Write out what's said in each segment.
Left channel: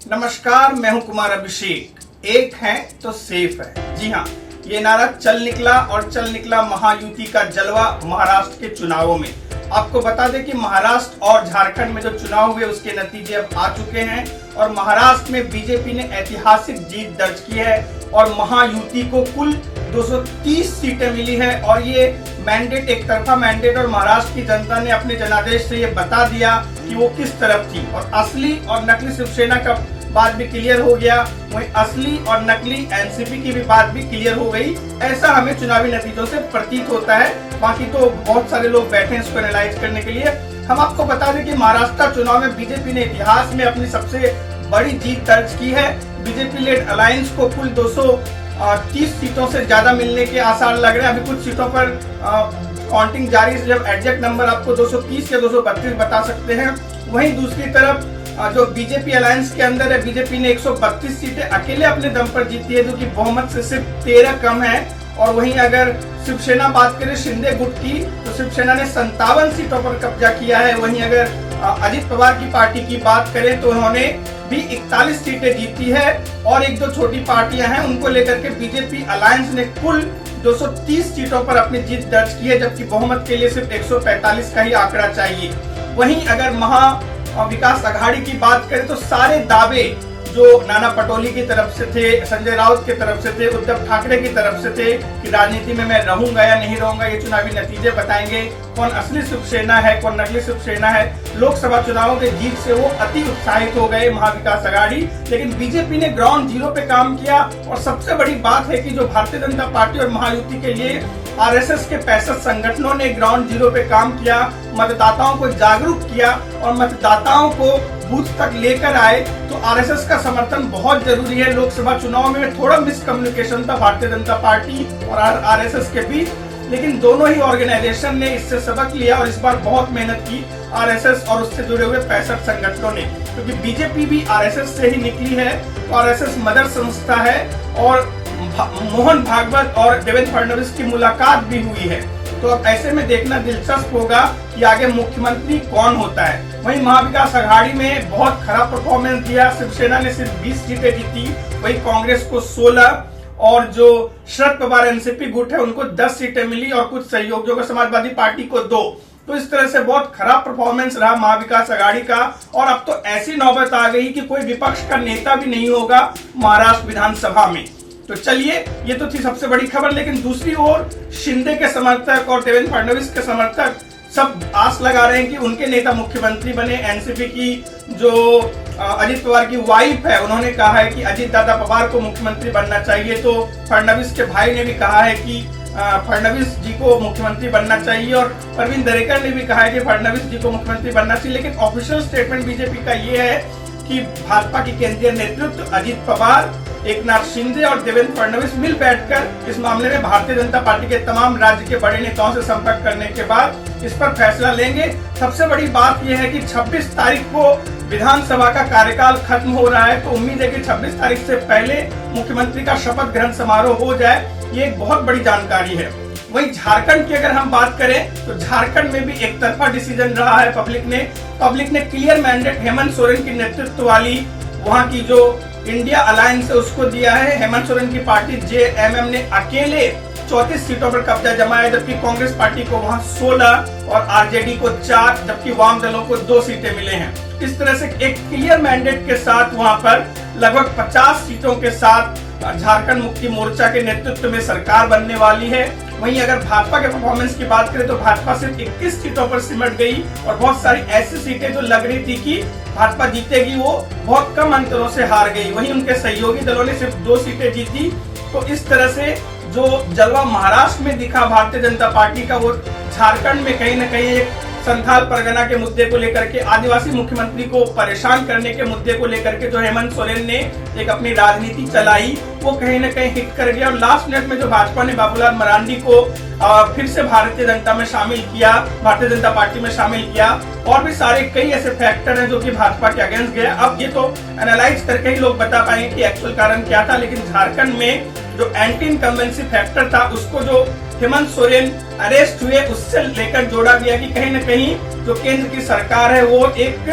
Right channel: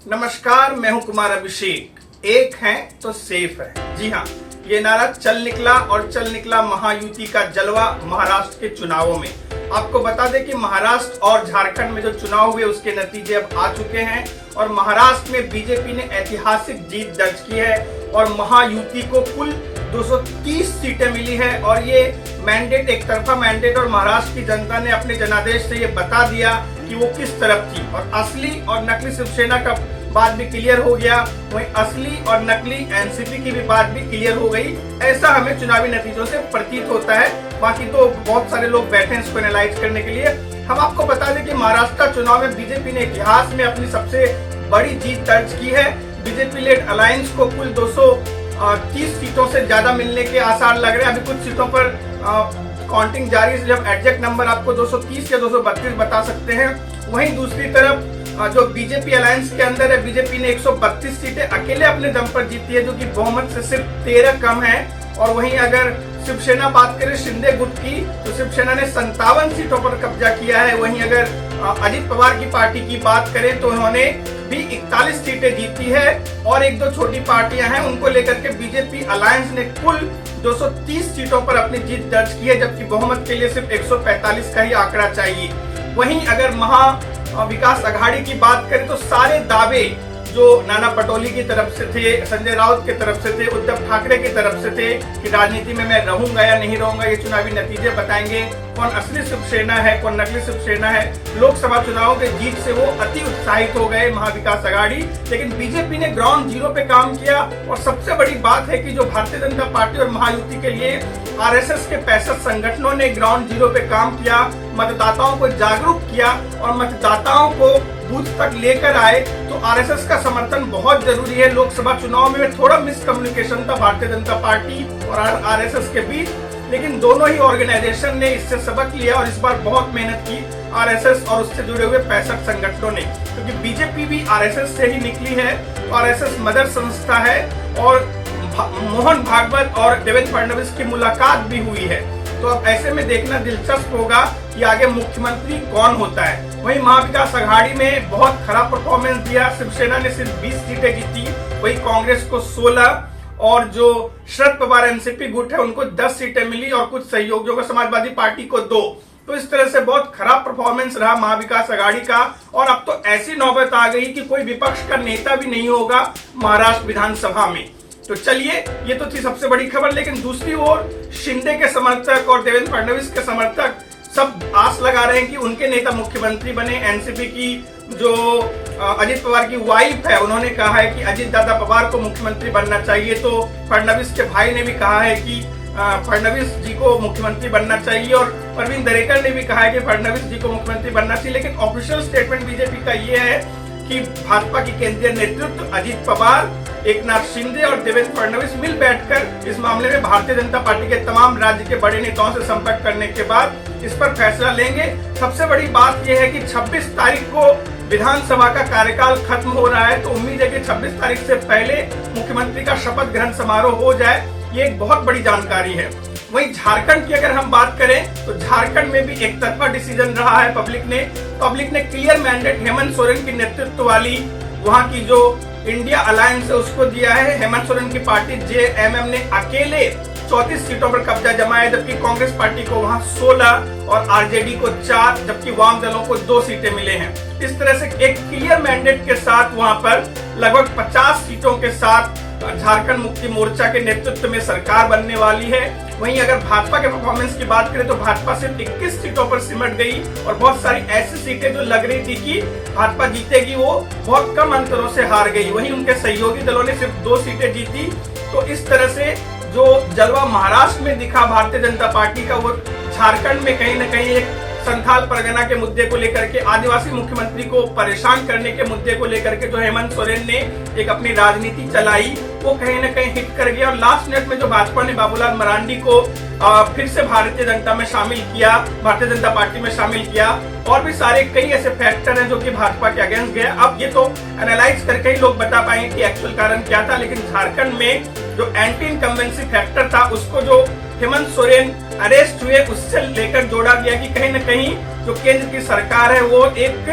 नमस्कार, मैं हूं कुमार अभिषेक। एक है तो सेफ है। जी हाँ, ये नारा चल निकला महायुति का जलवा महाराष्ट्र के चुनावों में। आपको बता दें कि महाराष्ट्र और झारखंड में जो चुनाव हुए उसके नतीजे अब आ चुके हैं और महाराष्ट्र में बीजेपी ने ऐतिहासिक जीत दर्ज की है और महायुति को कुल 230 सीटें मिली है और ये मैंडेट एक तरफा मैंडेट और महाराष्ट्र की जनता ने अपने जनादेश से ये बता दिया कि वो किस तरफ थी और असली और नकली शिवसेना का बात भी क्लियर हो गया, वहीं असली और नकली एनसीपी की भी बात भी क्लियर हो गई। ऐसा हमें चुनावी नतीजों से प्रतीत होता है। बाकी तो बहुत सारे लोग बैठे हैं इसको एनालाइज करने के लिए। हम आपको बता दें कि महाराष्ट्र चुनाव में बीजेपी ने इतिहास में अपनी सबसे बड़ी जीत दर्ज की है। बीजेपी लेड अलायंस को कुल 230 सीटों से ज्यादा मिलने के आसार लग रहे हैं। अभी कुछ सीटों पर काउंटिंग जारी है, जब एग्जैक्ट नंबर आपको 230 या 232 बता सकते हैं। वहीं दूसरी तरफ जो बीजेपी अलायंस के अंदर है, बीजेपी ने 132 सीटें अकेले अपने दम पर जीती है, जो कि बहुमत से सिर्फ 13 कम है। और वहीं अगर शिवसेना बात करें शिंदे गुट की, तो शिवसेना ने 57 सीटों पर कब्जा किया है। वहीं अगर अजित पवार की पार्टी की बात करें तो उन्होंने भी 41 सीटें जीती है और एक दो छोटी पार्टियां हैं उनको लेकर के बीजेपी अलायंस ने कुल 230 सीटों पर अपनी जीत दर्ज की है, जबकि बहुमत के लिए सिर्फ 145 का ही आंकड़ा चाहिए। वहीं अगर महा विकास अघाड़ी की बात करें तो सारे दावे जो नाना पटोले की तरफ से थे, संजय राउत की तरफ से थे, उद्धव ठाकरे की तरफ से थे कि राजनीति में मैं रहूंगा या नहीं रहूंगा, ये चुनावी नतीजे बताएंगे कौन असली शिवसेना है कौन नकली शिवसेना है। लोकसभा चुनावों के जीत से वो अति उत्साहित हो गए महाविकास अघाड़ी, लेकिन बीजेपी ने ग्राउंड जीरो पे काम किया। और सबसे बड़ी बात है कि जो भारतीय जनता पार्टी और महायुति के लिए आरएसएस के 65 संगठनों ने ग्राउंड जीरो पे काम किया, मतदाताओं को जागरूक किया और मतदाताओं को बूथ तक लेकर आए। तो आरएसएस का समर्थन बहुत जरूरी है। लोकसभा चुनाव में थोड़ा मिसकम्युनिकेशन था भारतीय जनता पार्टी और आरएसएस के बीच, लेकिन दोनों ही ऑर्गेनाइजेशन ने इससे सबक लिया और इस बार बहुत मेहनत की आरएसएस और उससे जुड़े हुए 65 संगठनों ने, क्योंकि बीजेपी भी आरएसएस से ही निकली है। आरएसएस मदर संस्था है और मोहन भागवत और देवेंद्र फडणवीस की मुलाकात भी हुई है। तो अब ऐसे में देखना दिलचस्प होगा कि आगे मुख्यमंत्री कौन होता है। वहीं महाविकास अघाड़ी में बहुत खराब परफॉर्मेंस दिया। शिवसेना ने सिर्फ 20 सीटें जीती, वहीं कांग्रेस को 16 और जो शरद पवार एनसीपी गुट है उनको 10 सीटें मिली और कुछ सहयोगियों को समाजवादी पार्टी को 2। तो इस तरह से बहुत खराब परफॉर्मेंस रहा महाविकास अघाड़ी का। और अब तो ऐसी नौबत आ गई कि कोई विपक्ष का नेता भी नहीं होगा महाराष्ट्र विधानसभा में। तो चलिए, ये तो थी सबसे बड़ी खबर, लेकिन दूसरी ओर शिंदे के समर्थक और देवेंद्र फडणवीस के समर्थक सब आस लगा रहे हैं कि उनके नेता मुख्यमंत्री बने। एनसीपी की जो अजित पवार की वाइफ है, उन्होंने कहा है कि अजित दादा पवार को मुख्यमंत्री बनना चाहिए। तो फडणवीस के भाई ने भी कहा है कि फडणवीस जी को मुख्यमंत्री बनना चाहिए और प्रवीण दरेकर ने भी कहा है कि फडणवीस जी को मुख्यमंत्री बनना चाहिए। लेकिन ऑफिशियल स्टेटमेंट बीजेपी का ये है कि भाजपा की केंद्रीय नेतृत्व अजित पवार, एकनाथ शिंदे और देवेंद्र फडणवीस मिल बैठकर इस मामले में भारतीय जनता पार्टी के तमाम राज्य के बड़े नेताओं से संपर्क करने के बाद इस पर फैसला लेंगे। सबसे बड़ी बात यह है कि 26 तारीख को विधानसभा का कार्यकाल खत्म हो रहा है, तो उम्मीद है कि 26 तारीख से पहले मुख्यमंत्री का शपथ ग्रहण समारोह हो जाए। ये एक बहुत बड़ी जानकारी है। वहीं झारखंड की अगर हम बात करें तो झारखंड में भी एक तरफा डिसीजन रहा है। पब्लिक ने क्लियर मैंडेट हेमंत सोरेन की नेतृत्व वाली वहां की जो इंडिया अलायंस है उसको दिया है। हेमंत सोरेन की पार्टी जेएमएम ने अकेले 34 सीटों पर कब्जा जमाया, जबकि कांग्रेस पार्टी को वहां 16 और आरजेडी को 4, जबकि वाम दलों को 2 सीटें मिले हैं। इस तरह से एक क्लियर मैंडेट के साथ वहां पर लगभग 50 सीटों के साथ झारखंड मुक्ति मोर्चा के नेतृत्व में सरकार बनने वाली है। वहीं अगर भाजपा के परफॉर्मेंस की बात करें तो भाजपा सिर्फ 21 सीटों पर सिमट गई और बहुत सारी ऐसी सीटें जो लग रही थी कि भाजपा जीतेगी वो बहुत कम अंतरों से हार गई। वहीं उनके सहयोगी दलों ने सिर्फ 2 सीटें जीती। तो इस तरह से जो जलवा महाराष्ट्र में दिखा भारतीय जनता पार्टी का, वो झारखंड में कहीं न कहीं एक संथाल परगना के मुद्दे को लेकर के, आदिवासी मुख्यमंत्री को परेशान करने के मुद्दे को लेकर के जो हेमंत सोरेन ने एक अपनी राजनीति चलाई, वो कहीं न कहीं हिट कर गया। और लास्ट मिनट में जो भाजपा ने बाबूलाल मरांडी को फिर से भारतीय जनता पार्टी में शामिल किया और भी सारे कई ऐसे फैक्टर हैं जो कि भाजपा के अगेंस्ट गए। अब ये तो एनालाइज करके ही लोग बता पाएंगे कि एक्चुअल कारण क्या था। लेकिन झारखंड में जो एंटी इनकम्बेंसी फैक्टर था उसको जो हेमंत सोरेन अरेस्ट हुए उससे लेकर जोड़ा गया कि कहीं न कहीं जो केंद्र की सरकार है वो एक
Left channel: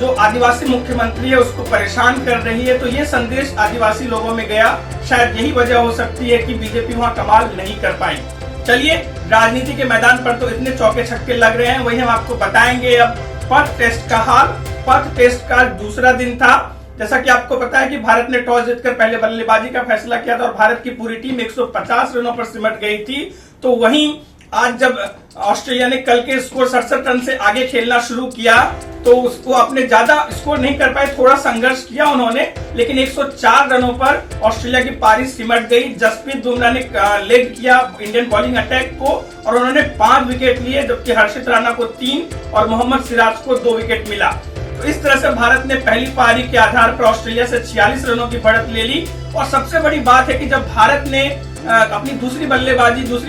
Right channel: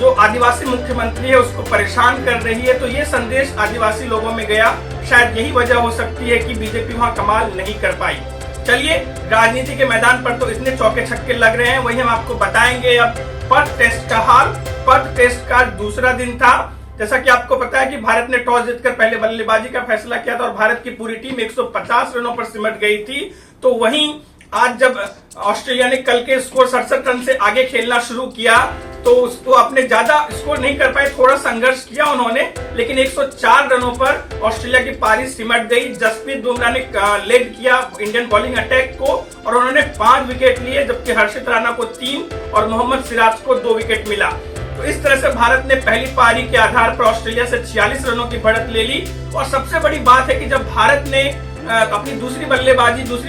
जो आदिवासी मुख्यमंत्री है उसको परेशान कर रही है। तो ये संदेश आदिवासी लोगों में गया, शायद यही वजह हो सकती है कि बीजेपी वहां कमाल नहीं कर पाई। चलिए, राजनीति के मैदान पर तो इतने चौके छक्के लग रहे हैं, वही हम आपको बताएंगे अब पर्थ टेस्ट का हाल। पर्थ टेस्ट का दूसरा दिन था। जैसा कि आपको पता है कि भारत ने टॉस जीतकर पहले बल्लेबाजी का फैसला किया था और भारत की पूरी टीम 150 रनों पर सिमट गई थी। तो वहीं आज जब ऑस्ट्रेलिया ने कल के स्कोर 67 रन से आगे खेलना शुरू किया तो उसको अपने ज्यादा स्कोर नहीं कर पाए, थोड़ा संघर्ष किया उन्होंने, लेकिन 104 रनों पर ऑस्ट्रेलिया की पारी सिमट गई। जसप्रीत बुमराह ने लीड किया इंडियन बॉलिंग अटैक को और उन्होंने 5 विकेट लिए, जबकि हर्षित राणा को 3 और मोहम्मद सिराज को 2 विकेट मिला। तो इस तरह से भारत ने पहली पारी के आधार पर ऑस्ट्रेलिया से 46 रनों की बढ़त ले ली। और सबसे बड़ी बात है कि जब भारत ने अपनी दूसरी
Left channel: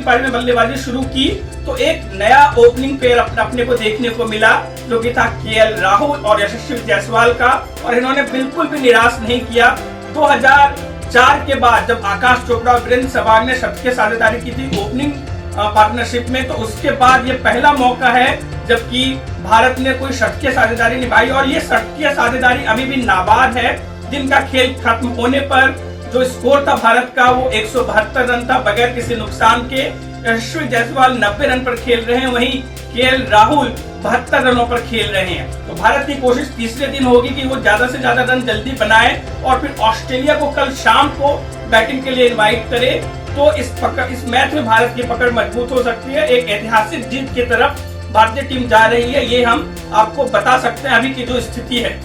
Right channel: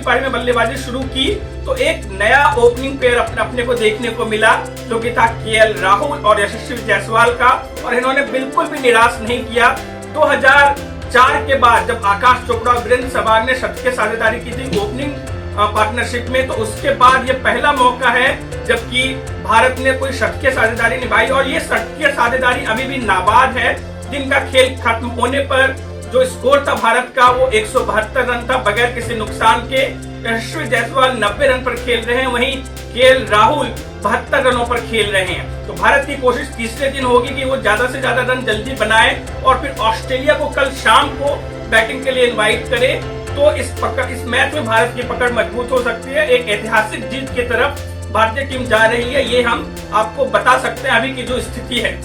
पारी में बल्लेबाजी शुरू की तो एक नया ओपनिंग पेयर अपने को देखने को मिला, जो कि था केएल राहुल और यशस्वी जायसवाल का। और इन्होंने बिल्कुल भी निराश नहीं किया। 2004 के बाद जब आकाश चोपड़ा और वीरेंद्र सहवाग ने शतकीय साझेदारी की थी ओपनिंग पार्टनरशिप में, तो उसके बाद ये पहला मौका है जबकि भारत ने कोई शतकीय साझेदारी निभाई। और ये शतकीय साझेदारी अभी भी नाबाद है। दिन का खेल खत्म होने पर जो स्कोर था भारत का वो 172 रन था बगैर किसी नुकसान के। यशस्वी जायसवाल 90 रन पर खेल रहे हैं, वहीं केएल राहुल 72 रनों पर खेल रहे हैं। तो भारत की कोशिश तीसरे दिन होगी कि वो ज्यादा से ज्यादा रन जल्दी बनाए और फिर ऑस्ट्रेलिया को कल शाम को बैटिंग के लिए इनवाइट करे। तो इस मैच में भारत की पकड़ मजबूत हो सकती है। एक ऐतिहासिक जीत की तरफ भारतीय टीम जा रही है, ये हम आपको बता सकते हैं अभी की जो स्थिति है।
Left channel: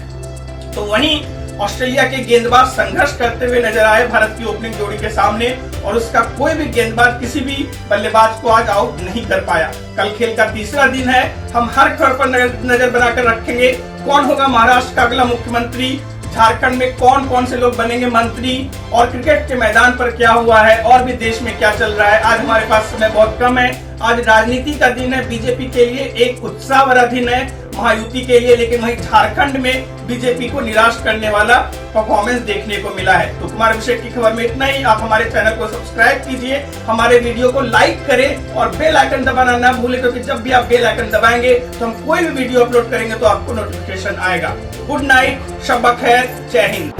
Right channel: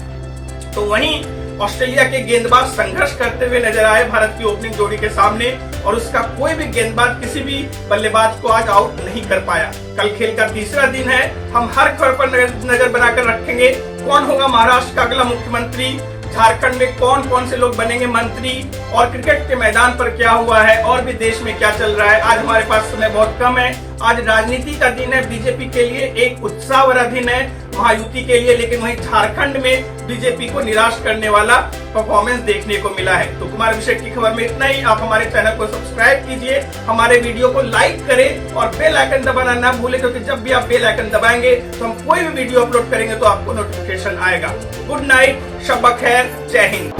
तो वहीं ऑस्ट्रेलिया के गेंदबाज संघर्ष करते हुए नजर आए भारत की ओपनिंग जोड़ी के सामने और उसका कोई भी गेंदबाज किसी भी बल्लेबाज को आज आउट नहीं कर पाया। कल खेल का तीसरा दिन है, हम हर खबर पर नजर बनाकर रखेंगे। कौन होगा महाराष्ट्र का अगला मुख्यमंत्री, झारखंड में कौन कौन से लोग बनेंगे मंत्री, और क्रिकेट के मैदान पर क्या हुआ है और भी देश में क्या चल रहा है। आज हमारे पास समय बहुत कम है। आज राजनीति का दिन है, बीजेपी के लिए एक उत्साह भरा दिन है महायुति के लिए, लेकिन वहीं झारखंड में बीजेपी को निराश करने वाला परफॉर्मेंस देखने को मिला है। तो कुमार अभिषेक की खबर में इतना ही। आप हमारे चैनल को सब्सक्राइब कीजिए, हमारे वीडियो को लाइक करें और बेल आइकन दबाना ना भूलें, क्योंकि जब भी आप बेल आइकन दबाएंगे तो हम कोई भी वीडियो अपलोड करेंगे तो आपको नोटिफिकेशन आएगा। गुड नाइट, शब बखैर, जय हिंद।